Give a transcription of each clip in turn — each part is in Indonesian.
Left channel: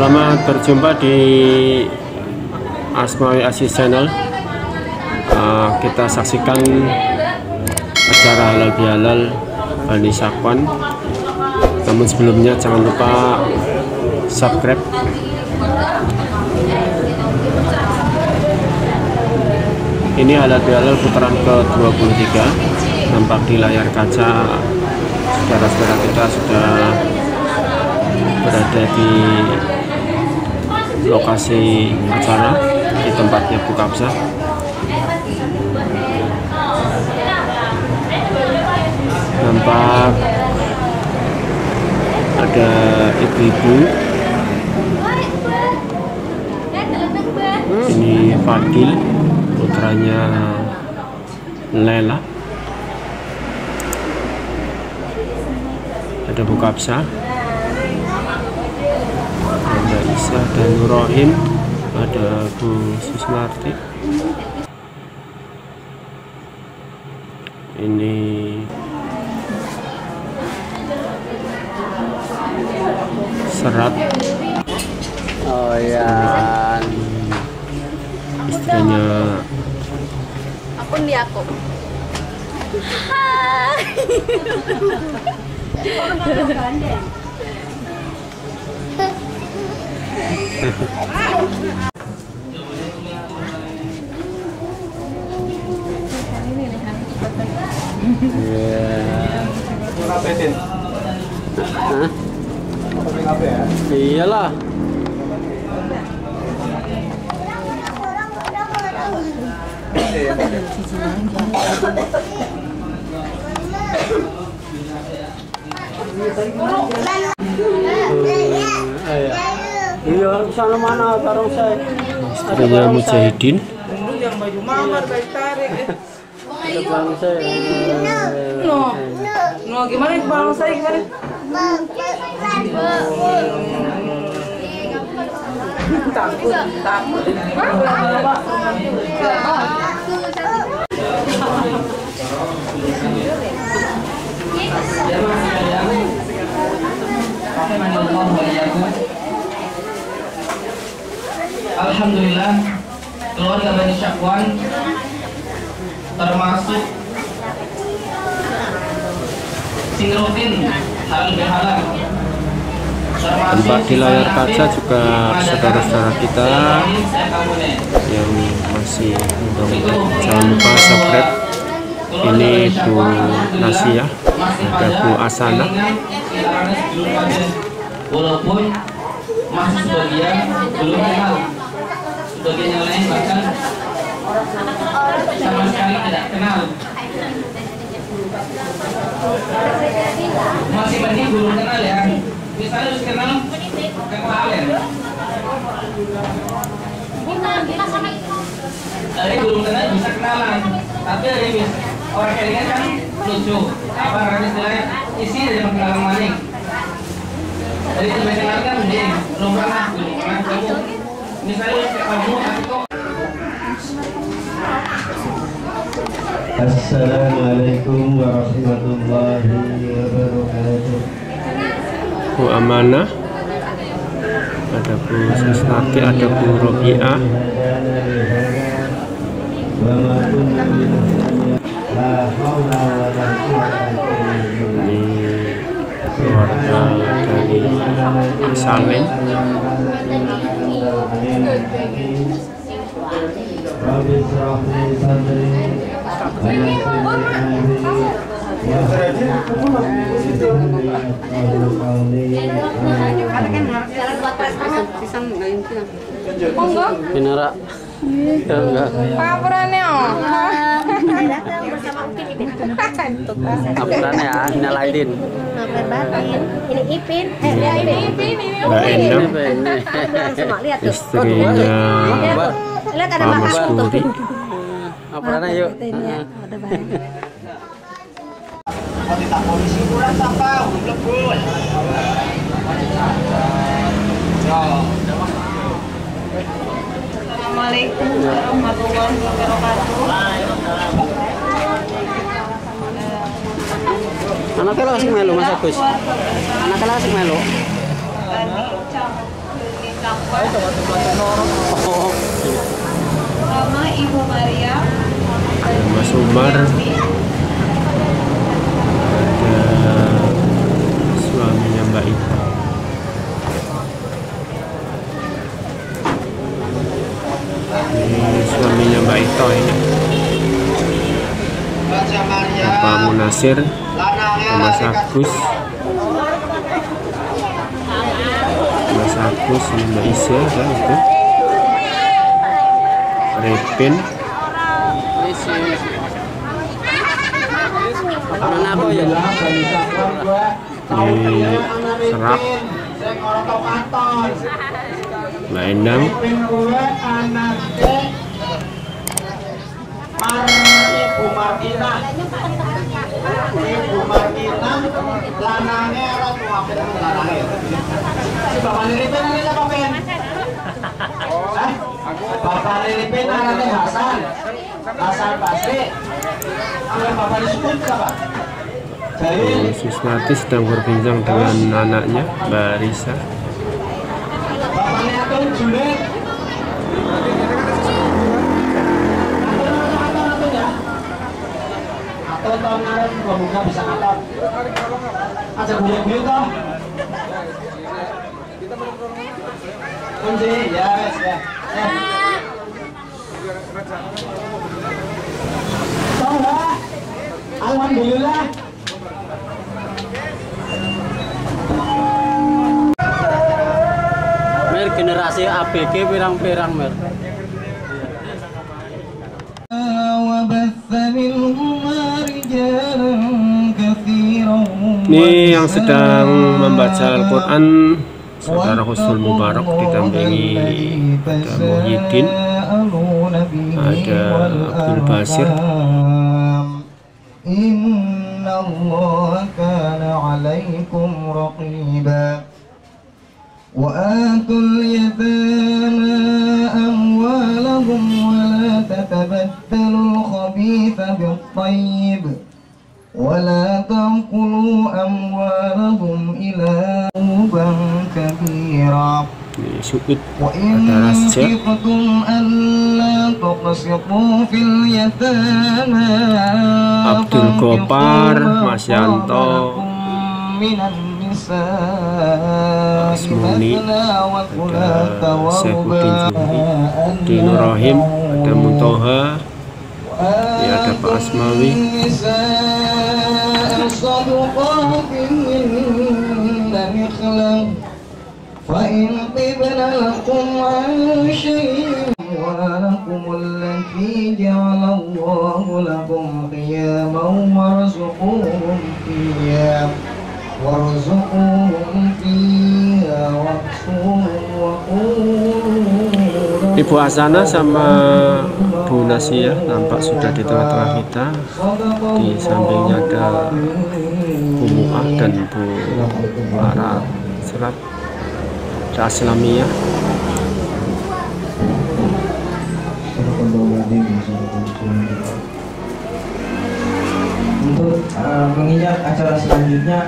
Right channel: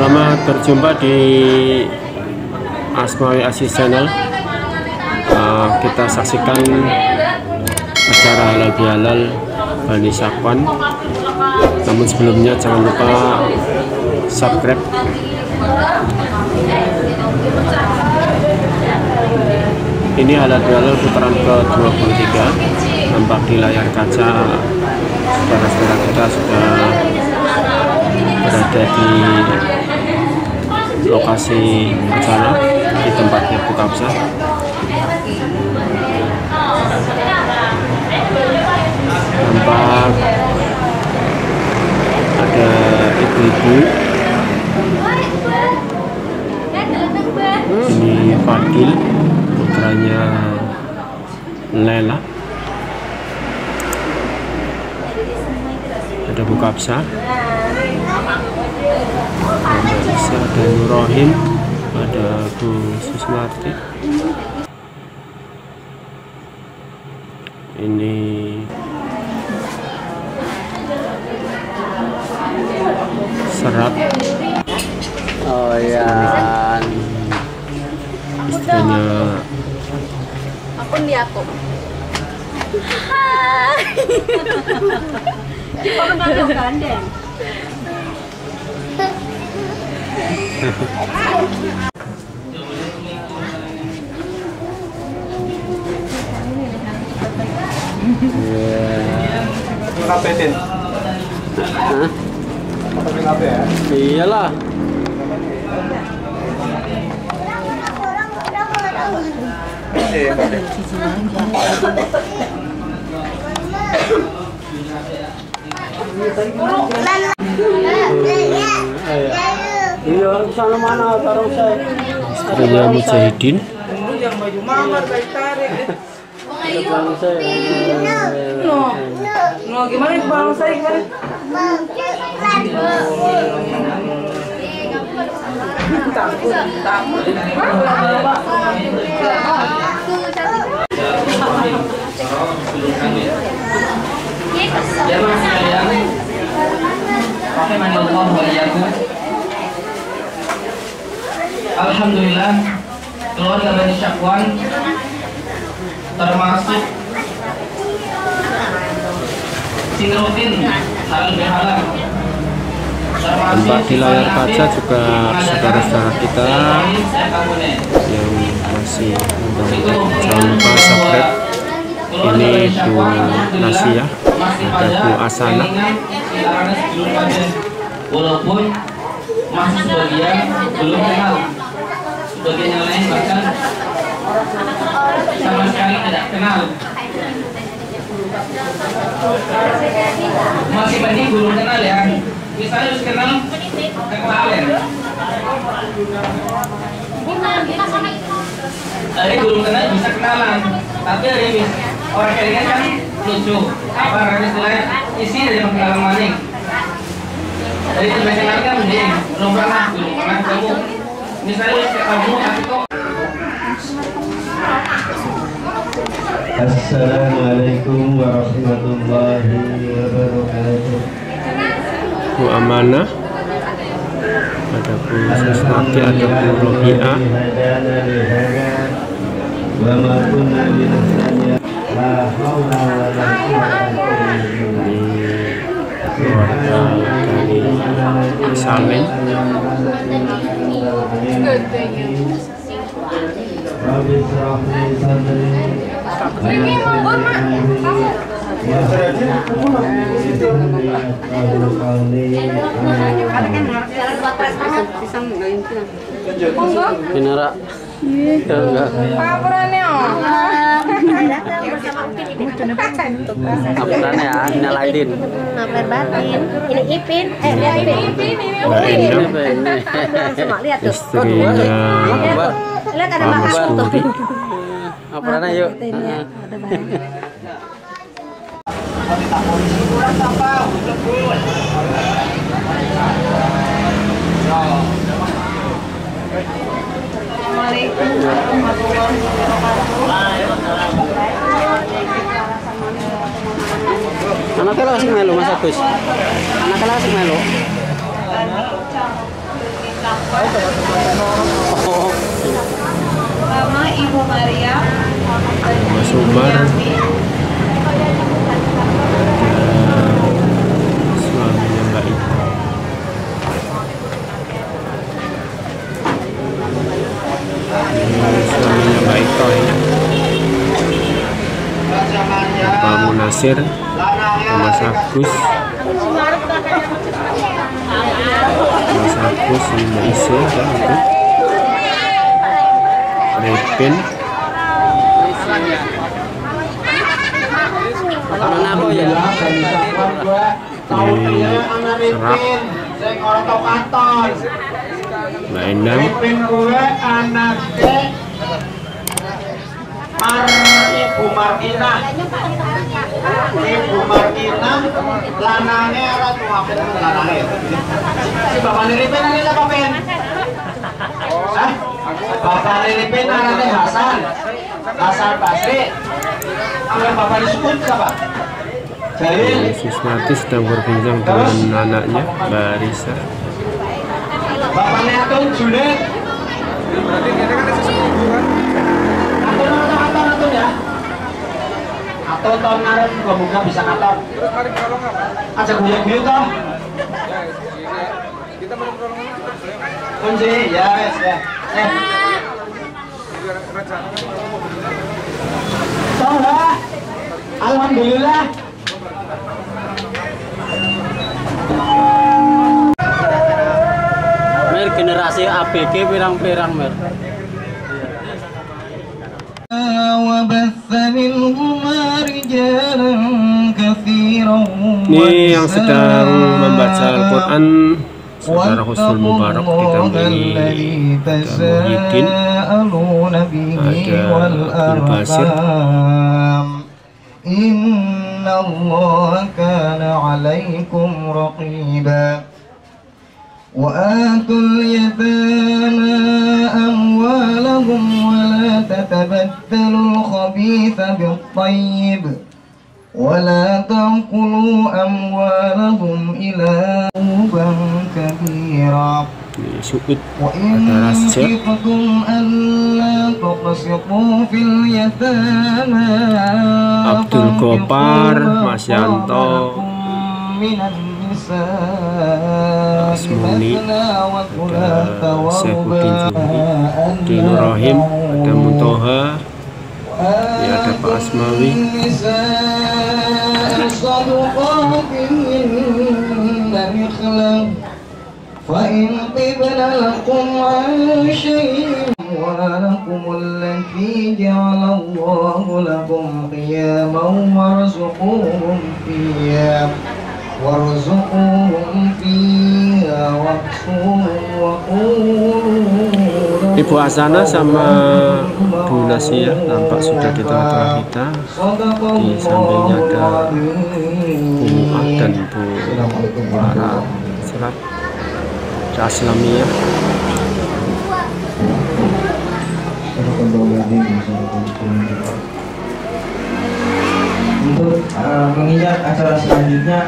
Selamat berjumpa di Asmawi Aziz Channel. Kita saksikan acara halal bihalal Bani Syakwan. Namun sebelumnya jangan lupa subscribe. Ini halal bihalal putaran ke-23. Nampak di layar kaca saudara-saudara kita sudah berada di lokasi acara di tempatnya buka absah. Nampak ada ibu-ibu. Ini Fadil, putranya Lela. Ada buka absah. Ada Isa, ada Nurrohim, ada Bu Susmarti. Ini Serat. Oh ya. Istrinya. Akun di aku. Hai. Orang gandeng. Ngapain? Hah? Iyalah. Iya, sana mana taruh saya? Istrinya Mujahidin. Yang baju mamar baik tarik. No, gimana bang saya gimana? Takut. Alhamdulillah, keluarga Bani Syakwan termasuk Singrotin halal bihalal. Nampak di layar kaca juga saudara-saudara kita yang masih muda-muda. Jangan lupa subscribe. Ini Bu Nasia, ada Bu Asana. Walaupun masih sebagian belum kenal, sebagian yang lain bahkan sama sekali tidak kenal. Masih mending belum kenal ya. Misalnya harus kenal kenalan. Ada belum kenal bisa kenalan, tapi ada yang orang kayaknya kan lucu. Apa namanya istilahnya isi dari perkenalan maning. Dari itu kenal kan mending belum pernah kamu. Misalnya kamu tapi kok. Assalamualaikum warahmatullahi wabarakatuh. Bu Amanah, ada Bu Susmarti, ada Bu Robiah. Ini keluarga dari Salim. Pinara. Enggak. Paparannya Apurannya ya, Inal Aidin. Ngapain batin? Ini Ipin. Ini Ipin. Mbak Endang, Semua lihat tuh. istrinya Lihat ada Pak Mas Mas Puri. Apurannya yuk. Assalamualaikum warahmatullahi wabarakatuh. Anaknya asik melu Mas Agus. Anaknya asik melu. Sama Ibu Maria. Ada Mas Umar, ada suaminya Mbak Ita. Ini suaminya Mbak Ita ini. Bapak Munasir, Mas Agus, Mas Agus, ini Mbak Isya, ada itu. Repin, ini Serak, Mbak Endang, Ibu Martina, lanangnya orang tua lanangnya. Si Bapak Lilipin ini siapa Pen? Bapak Lilipin namanya Hasan, Hasan Basri. Kalau Bapak disebut siapa? Jalil. Susnati sedang berbincang dengan anaknya Mbak Risa. Bapaknya Atun Junet. Atun ya. Atun tahun kemarin buka bisa ngatur. Aja guyon-guyon toh. Kunci ya wes ya. Toh, alhamdulillah. Mer generasi ABG pirang-pirang mer. Ini yang sedang membaca Al-Quran Saudara Husnul Mubarak, didampingi ada Muhyiddin, ada Abdul Basir. Inna Allah kana alaikum raqiba wa atul yatama amwalahum wa la tatabaddalu al-khabitha bil-tayyib wa la taqulu amwalahum ila uban kabira Ini Suud, ada Rasja, Abdul Gopar, Mas Yanto, Asmuni, ada Saifuddin Juhri, Dino Rohim, ada Muntoha, ya ada Pak Asmawi. فإن طبن لكم عن شيء ولكم التي جعل الله لكم قياما وارزقوهم فيها واكسوهم وقولوا. Ibu Asana sama Bu Nasia nampak sudah di tengah-tengah kita. Di sampingnya ada Bu Mu'ah dan Bu Lara Serat. Islamiyah. Untuk menginjak acara selanjutnya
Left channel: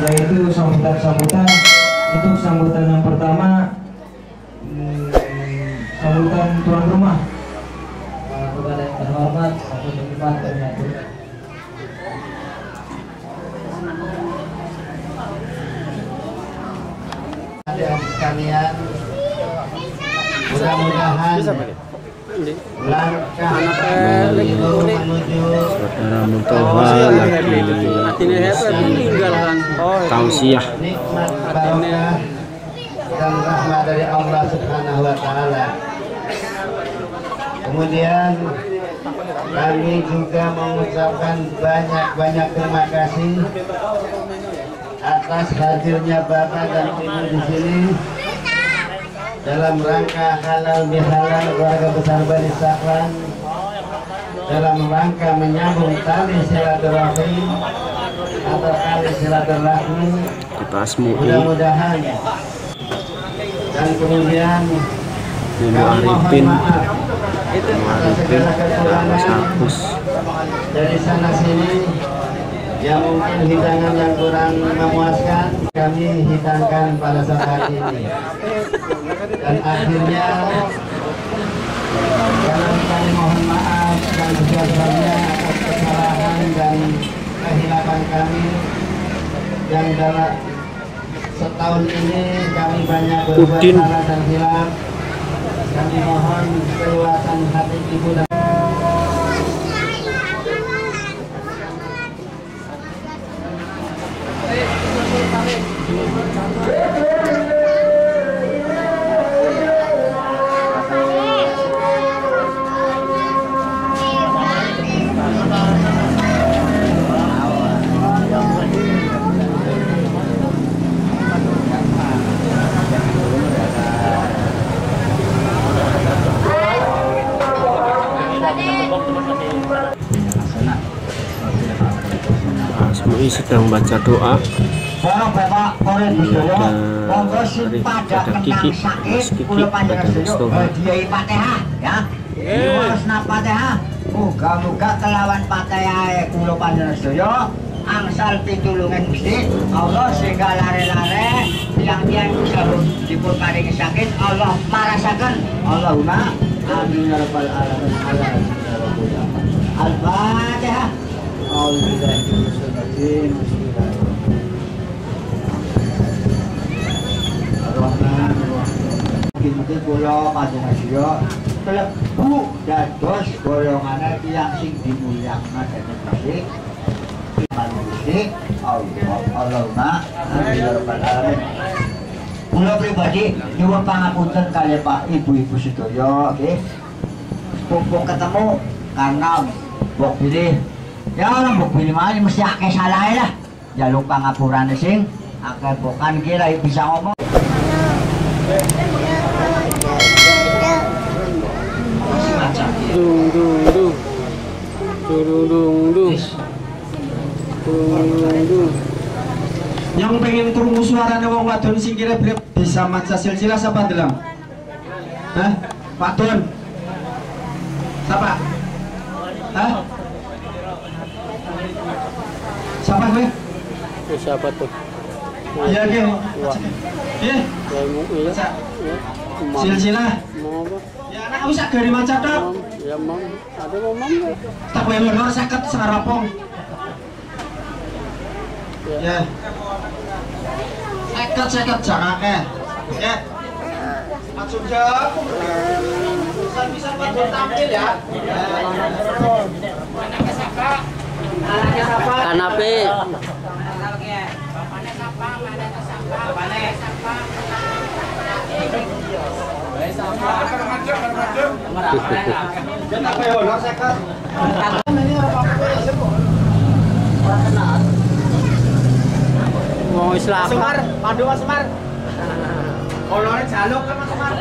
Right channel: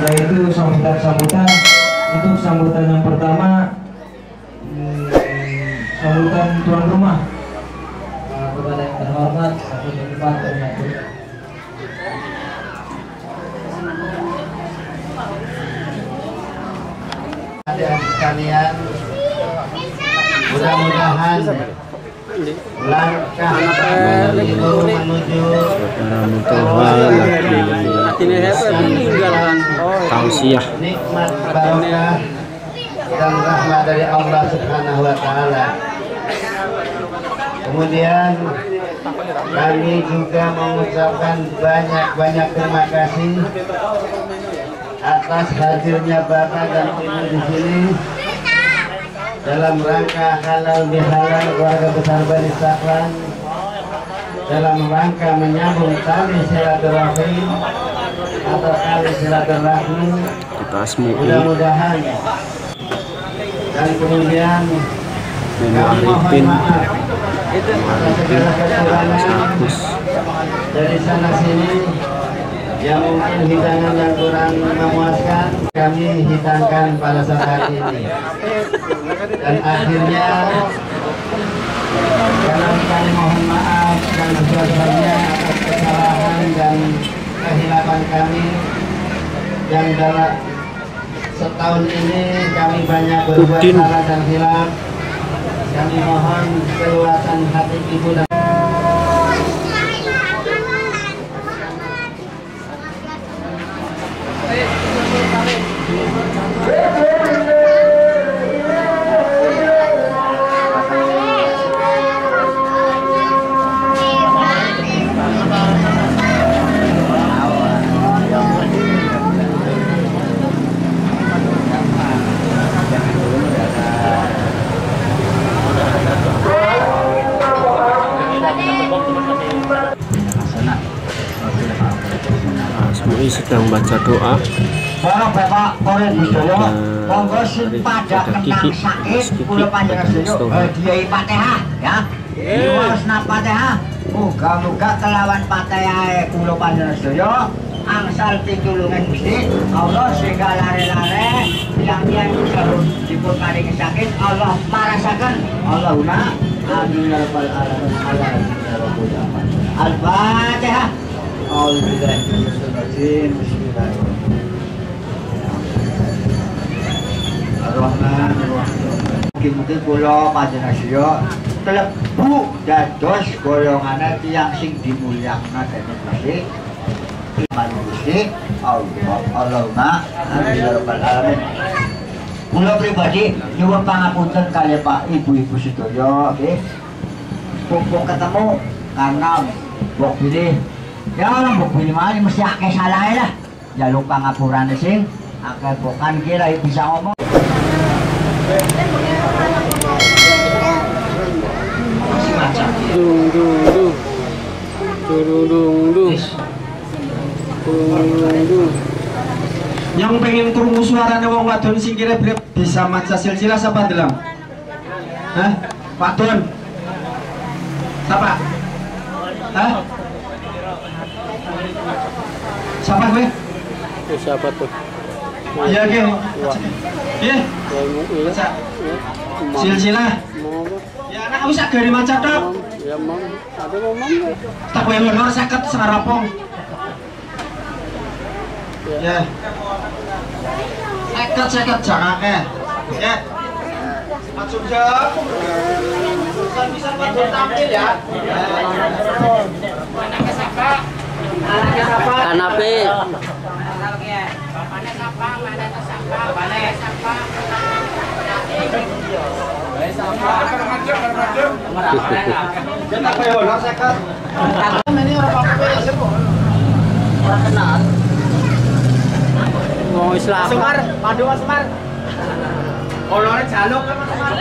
yaitu sambutan-sambutan. Untuk sambutan yang pertama sambutan tuan rumah kepada yang terhormat Adik-adik sekalian, mudah-mudahan langkah menuju Saudara Muntoha lagi tausiah. nikmat barokah dan rahmat dari Allah Subhanahu wa Ta'ala. Kemudian kami juga mengucapkan banyak terima kasih atas hadirnya Bapak dan Ibu di sini dalam rangka halal bihalal keluarga besar Bani Saklan, dalam rangka menyambung tali silaturahmi atau tali silaturahmi. Mudah-mudahan dan kemudian Mumu Arifin, Mas Agus, dari sana sini Yang mungkin hidangan yang kurang memuaskan, kami hidangkan pada saat hari ini. Dan akhirnya kami mohon maaf dan sebagainya atas kesalahan dan kehilapan kami yang dalam setahun ini kami banyak berbuat salah dan hilaf. Kami mohon keluasan hati ibu dan Semua sedang baca doa. Ada Kiki, Mas Kiki, ada Mas Toha. Muga-muga kelawan Fatihah kula panjenengan sedaya angsal pitulungan Gusti Allah sehingga lare-lare tiang-tiang sahur dipun paringi sakit Allah marasaken Allahumma amin ya rabbal alamin. Al-Fatihah. Mungkin kula panjenengan sedaya klebu dados golongane tiyang sing dimulyakna dening Gusti. Gusti Allahumma amin ya rabbal alamin. Kula pribadi nyuwun pangapunten kalih Pak Ibu-ibu sedaya nggih. Mumpung ketemu karena mbok pilih ya orang mbok pilih mah mesti akeh salahe lah. Jaluk pangapurane sing akeh bukan kira bisa ngomong. Yang pengen krungu suarane wong wadon sing kira bisa maca silsilah sapa ndelang? Hah? Wadon. Siapa? Hah? Siapa gue? Siapa tuh? Iya nggih. Nggih. Maca. Silsilah. Ya anak wis agare maca tok. Ya mam, ada mam. Tak kowe lho 50 sarapong. Ya. 50 jangake. Ya. Langsung jawab. Bisa bantu tampil ya. Anaknya siapa? Anaknya siapa? Kanape. Anaknya. Bapaknya siapa? Mana siapa? Bapaknya siapa? Mau Islam. Semar, padu Mas Semar. Olore jaluk kan Mas Semar.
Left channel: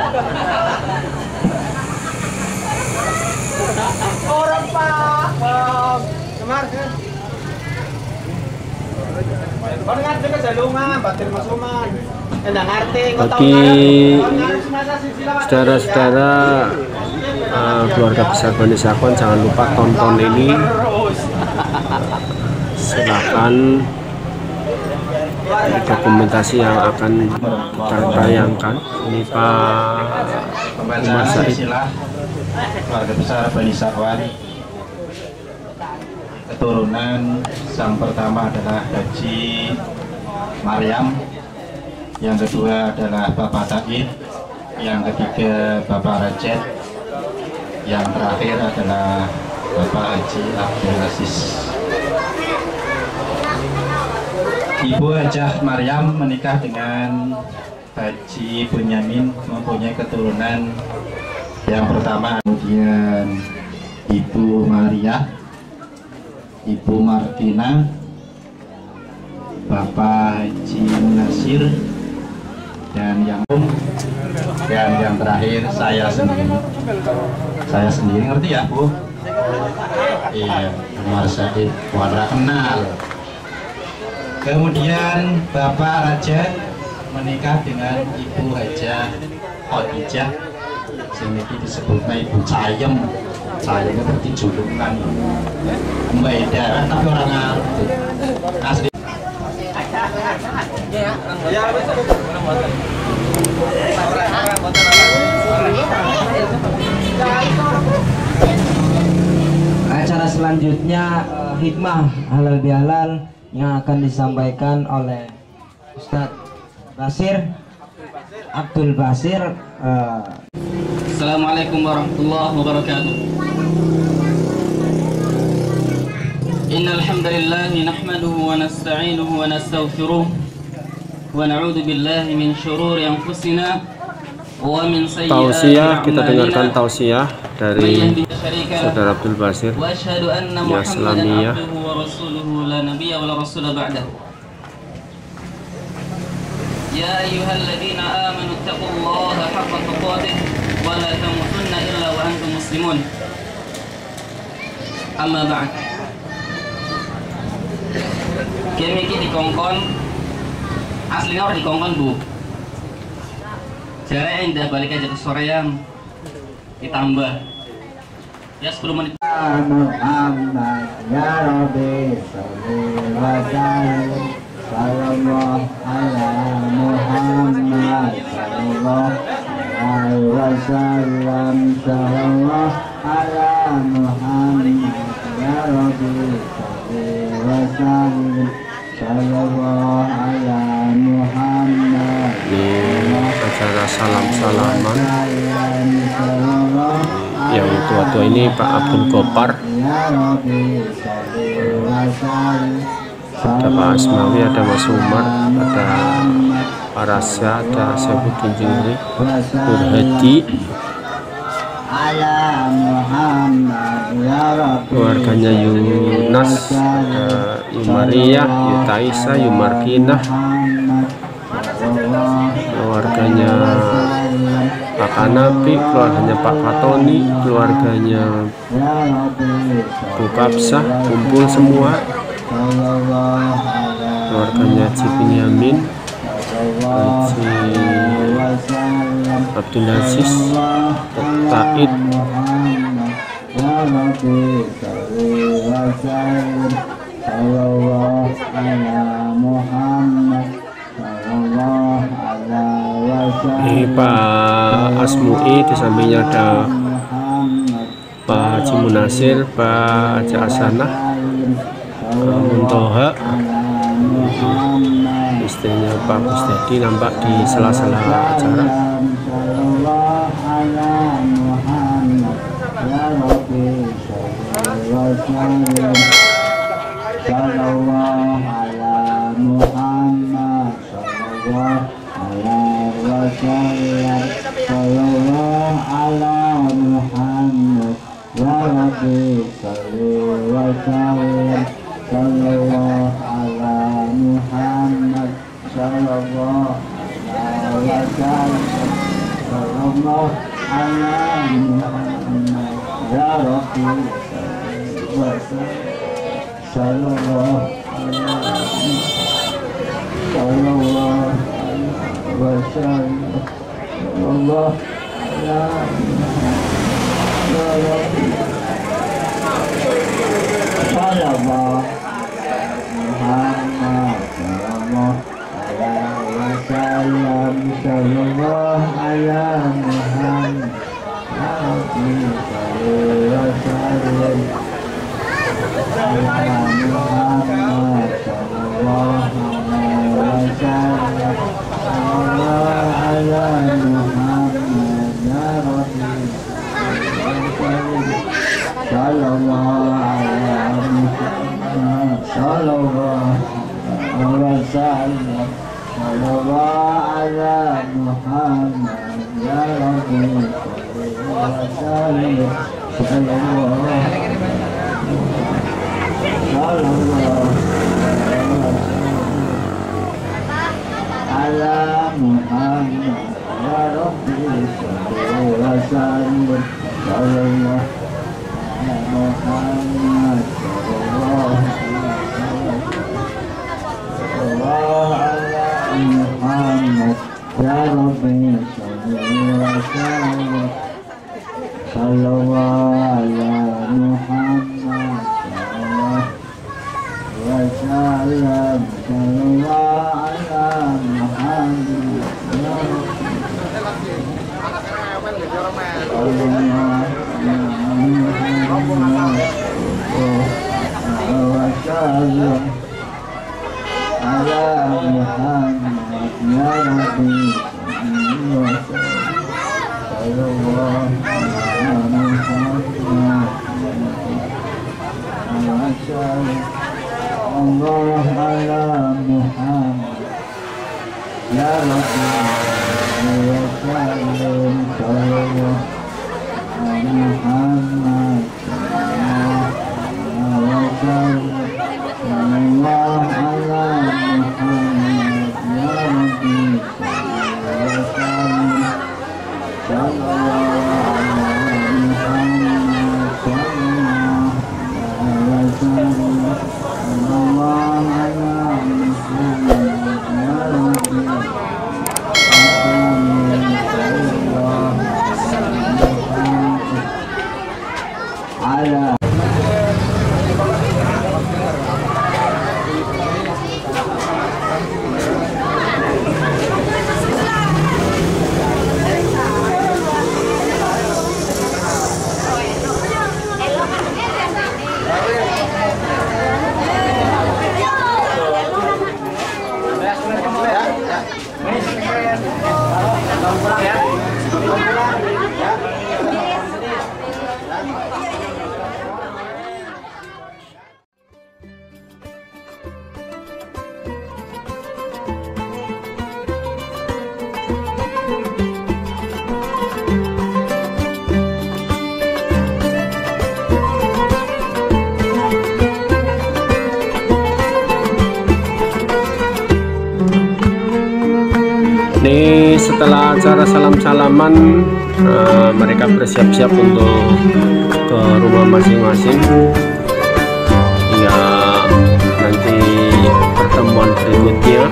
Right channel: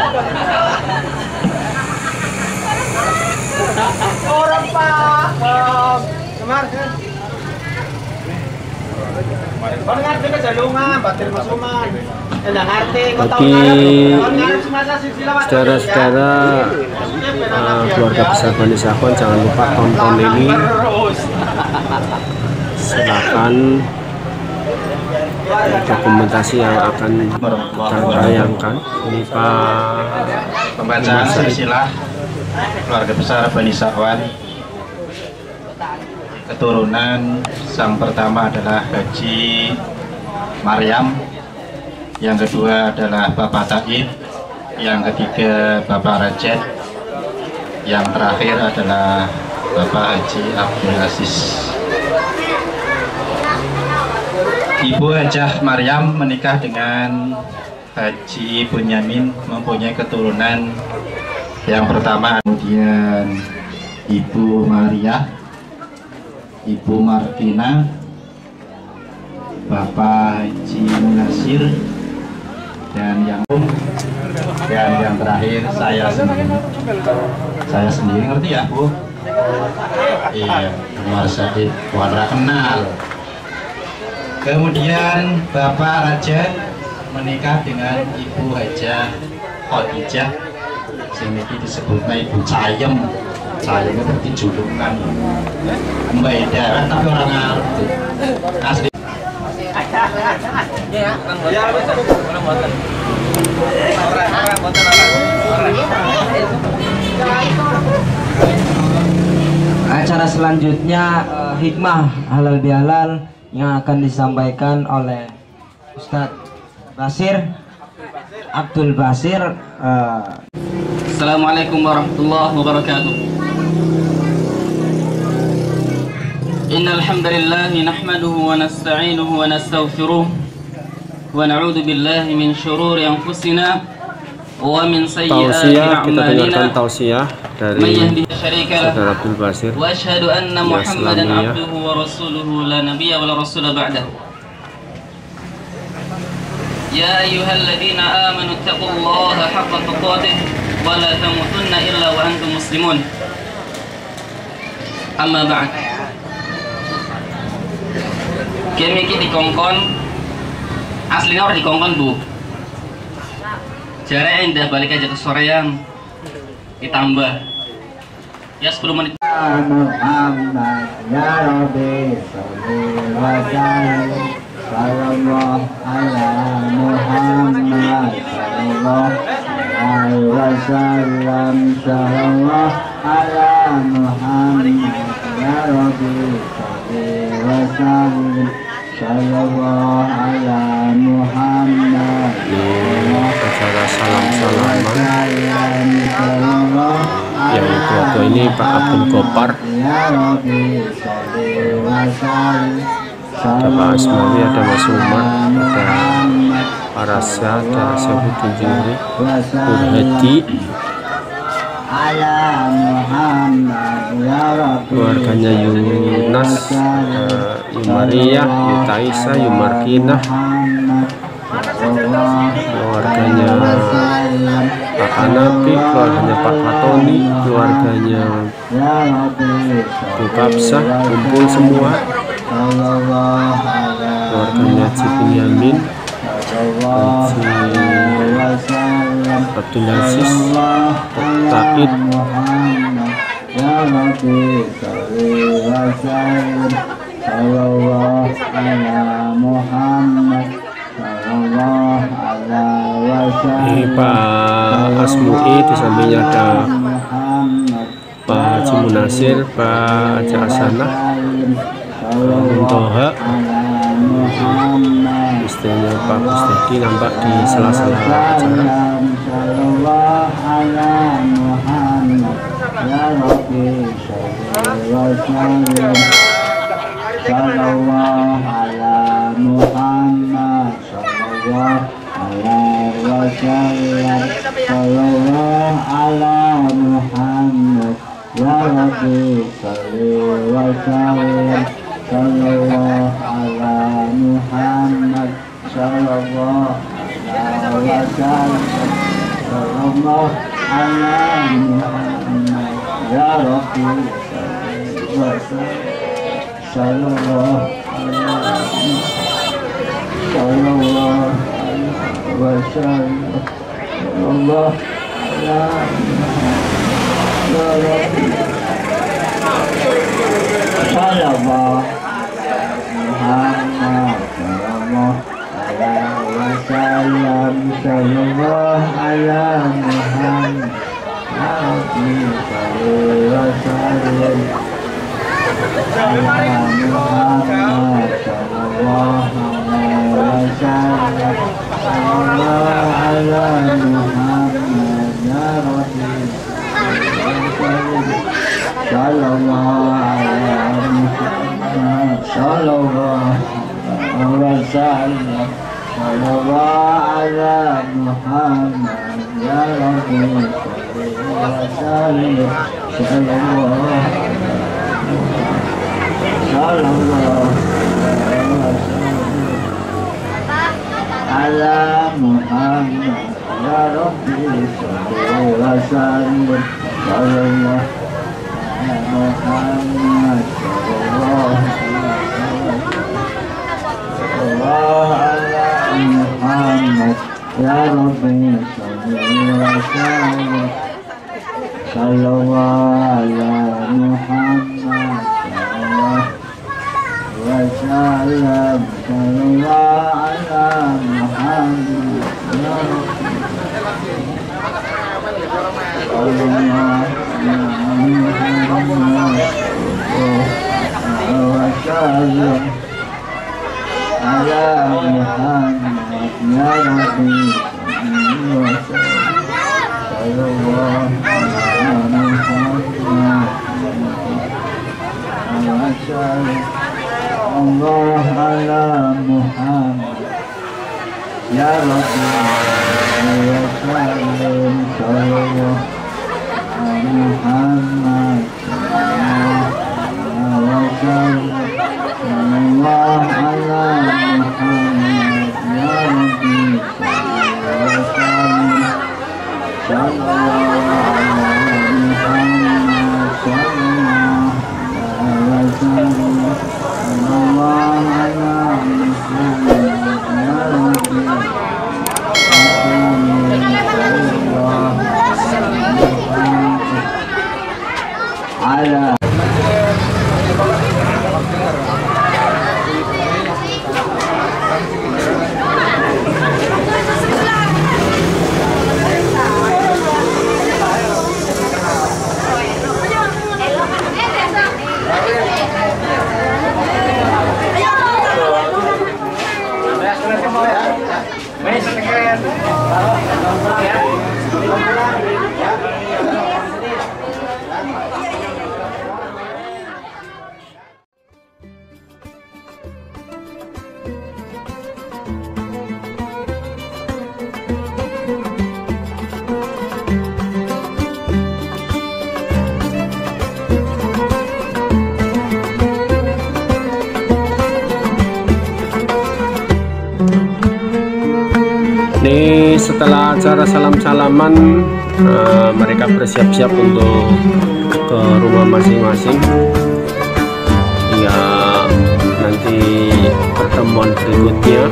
Orang Pak. Semar. Bagi saudara-saudara keluarga besar Bani Sakon, jangan lupa tonton ini. Silakan dokumentasi yang akan kita tayangkan. Ini Pak Pembacaan silsilah keluarga besar Bani Sakon. Keturunan sang pertama adalah Haji Maryam, yang kedua adalah Bapak Taib, yang ketiga Bapak Rajat, yang terakhir adalah Bapak Haji Abdul Aziz. Ibu Hajah Maryam menikah dengan Haji Bunyamin, mempunyai keturunan yang pertama, kemudian Ibu Maria, Ibu Martina, Bapak Haji Nasir, dan yang terakhir saya sendiri. Saya sendiri, ngerti ya Bu? Iya, Umar Said Wadra kenal. Kemudian Bapak Raja menikah dengan Ibu Hajah Khadijah, sing iki disebutna Ibu Cayem. Cayem itu berarti julukan. Mbak daerah tapi orang ngarep. Asli. Acara selanjutnya hikmah halal bihalal yang akan disampaikan oleh Ustadz Basir Abdul Basir. Assalamualaikum warahmatullahi wabarakatuh. Innal hamdalillah nahmaduhu wa nasta'inuhu wa nastaghfiruh wa na'udzu billahi min shururi anfusina wa min sayyiati Tausiah, kita dengarkan a'malina. tausiah dari Saudara Abdul Basir. Wa asyhadu anna Ya, Muhammadan Islamiyah. abduhu wa rasuluhu la nabiyya wa la rasula ba'dah. Ya ayyuhalladzina amanu taqullaha haqqa tuqatih wa la tamutunna illa wa antum muslimun. Amma ba'd. Kami iki dikongkon aslinya orang dikongkon Bu. Jaraknya indah, balik aja ke sorean ditambah ya 10 menit. Muhammad ya Rabbi salli wa sallim sallallahu ala Muhammad sallallahu alaihi wasallam sallallahu ala Muhammad ya Rabbi salli wa sallim sallallahu ala Muhammad. Ini acara salam-salaman yang tua-tua ini Pak Abdul Gopar, ada Pak Asmawi, ada Mas Umar, ada Pak Rasya, ada Syabuddin Jingri, Nur Hadi, keluarganya Yunas, ada Yumaria, Yutaisa, Yumarkinah, keluarganya Pak Kanapi, keluarganya Pak Fatoni, keluarganya Bu Kapsah, kumpul semua, keluarganya Haji Binyamin, Haji Abdul Aziz, Taid, ini Pak Asmui, di sampingnya ada Pak Haji Munasir, Pak Haji Hasanah, Muntoha, istrinya Pak Gusdedi nampak di sela-sela acara. sallallahu ala Muhammad wa sallam sallallahu ala Muhammad ya Allah ala Muhammad ya Rabbi wa sallim sallallahu ala Muhammad wa sallam Allah ala Muhammad ya Rabbi wa sallim sallallahu ala Muhammad sallallahu wa sallam Ini setelah acara salam-salaman, mereka bersiap-siap untuk ke rumah masing-masing. Ya, nanti pertemuan berikutnya.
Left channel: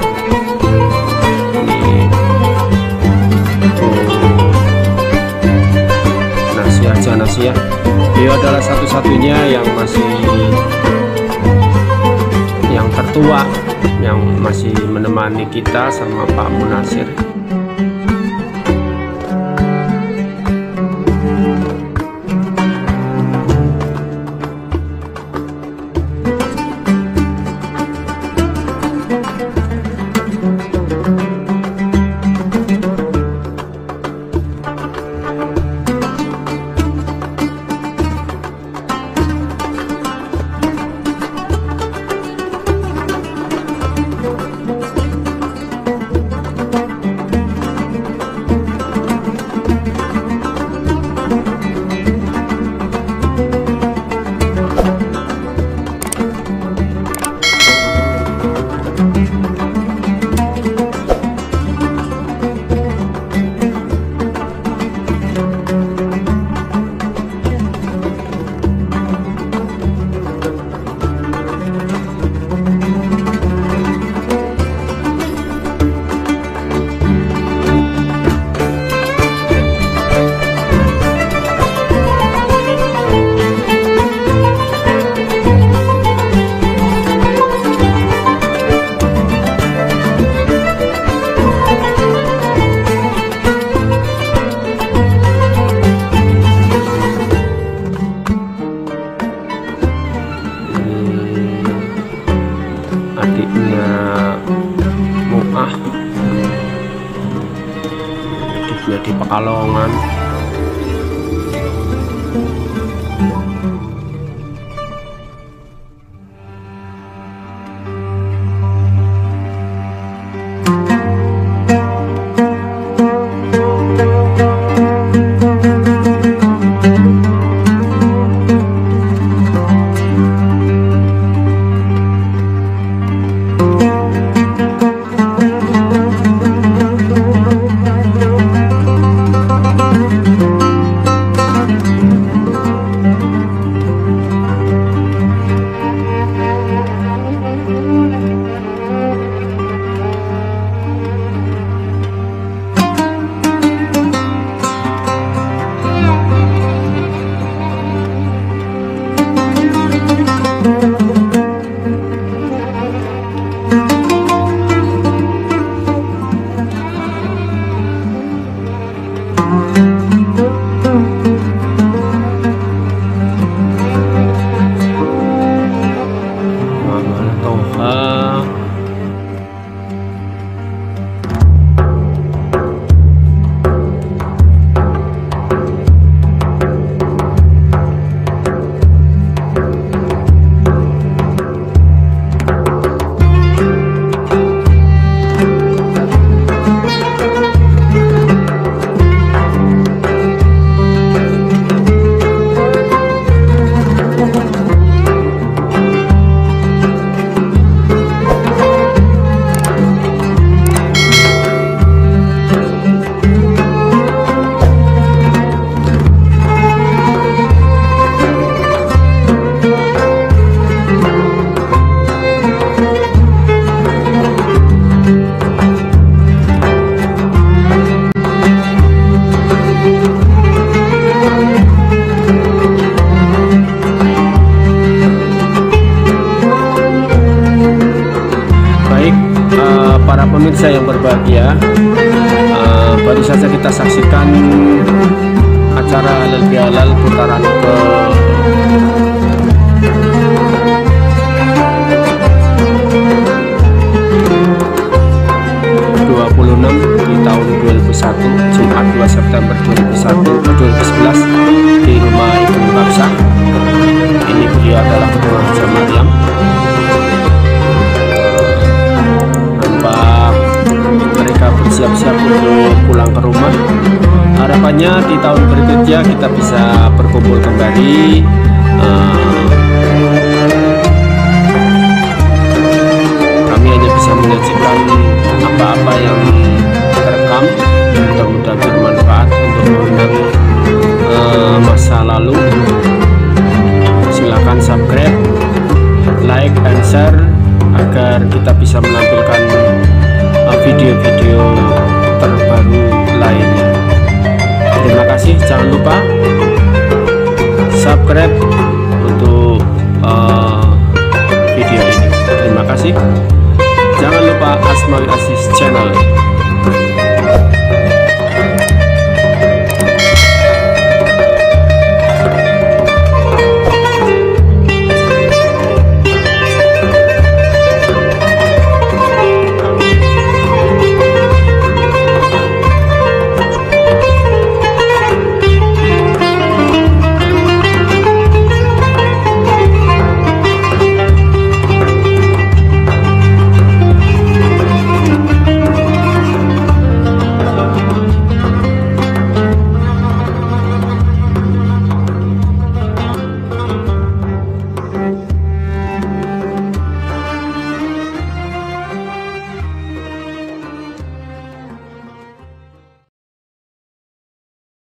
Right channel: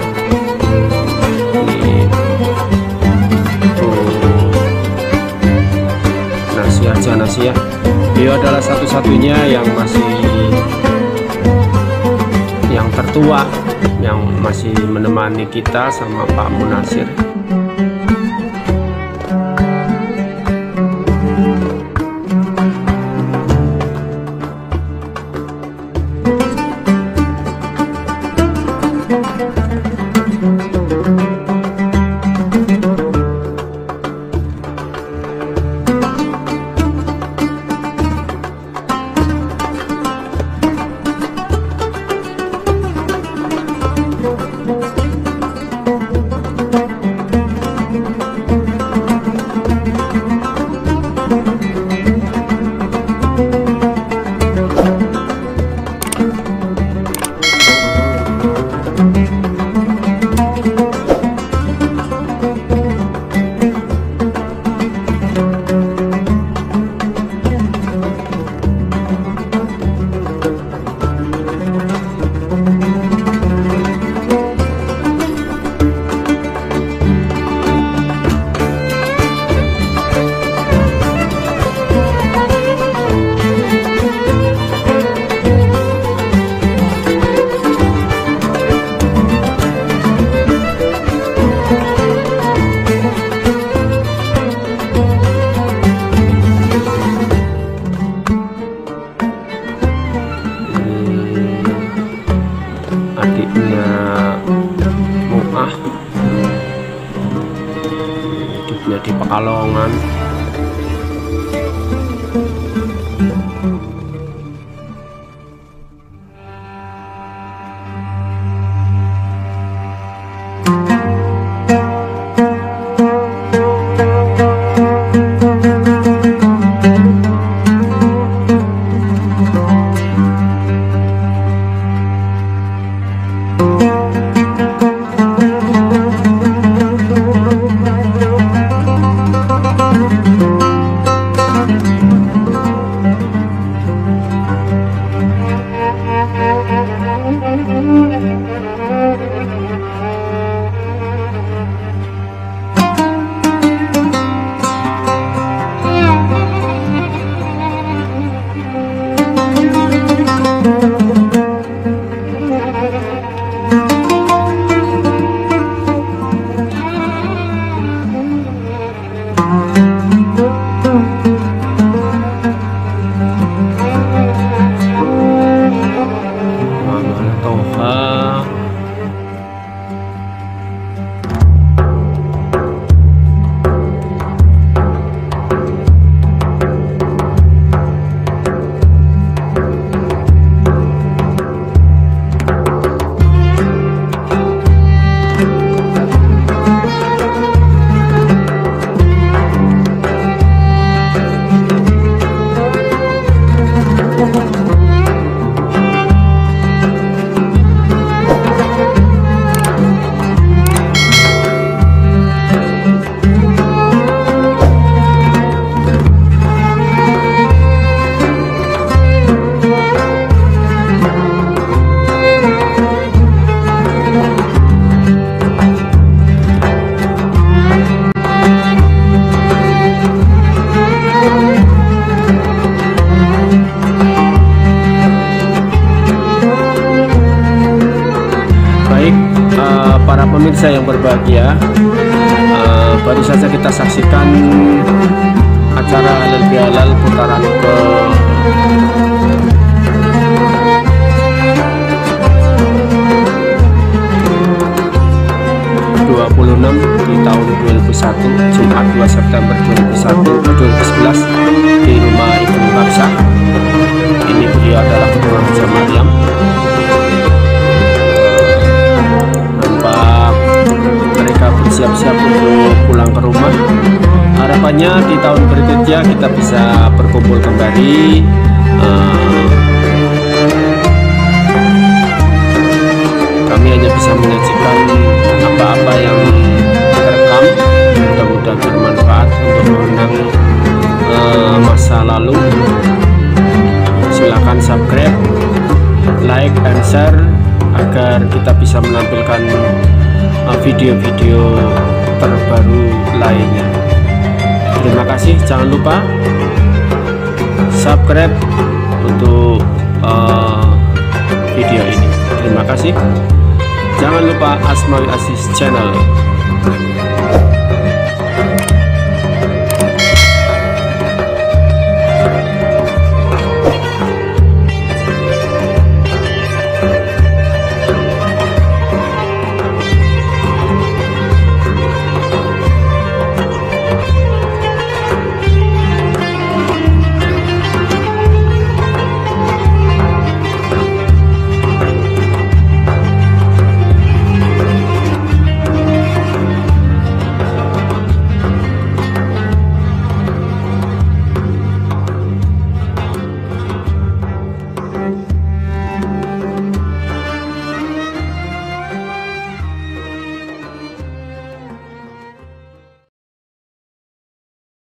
Ini nasihat. Beliau adalah satu-satunya yang tertua yang masih menemani kita sama Pak Munasir. Adiknya Mu'ah, adiknya di Pekalongan. para pemirsa yang berbahagia, baru saja kita saksikan acara halal bihalal putaran ke 26 di tahun 2001, Jumat 2 September 2011 di rumah Ibu Kapsah. Ini beliau adalah Ketua Haja Maryam. Nampak mereka bersiap-siap untuk pulang ke rumah. Harapannya di tahun berikutnya kita bisa berkumpul kembali. Kami hanya bisa menyajikan apa-apa yang terekam, mudah-mudahan bermanfaat untuk mengenang masa lalu. Silakan subscribe, like, and share agar kita bisa menampilkan video-video terbaru lainnya. Terima kasih, jangan lupa subscribe untuk video ini. Terima kasih. Jangan lupa Asmaul Aziz Channel.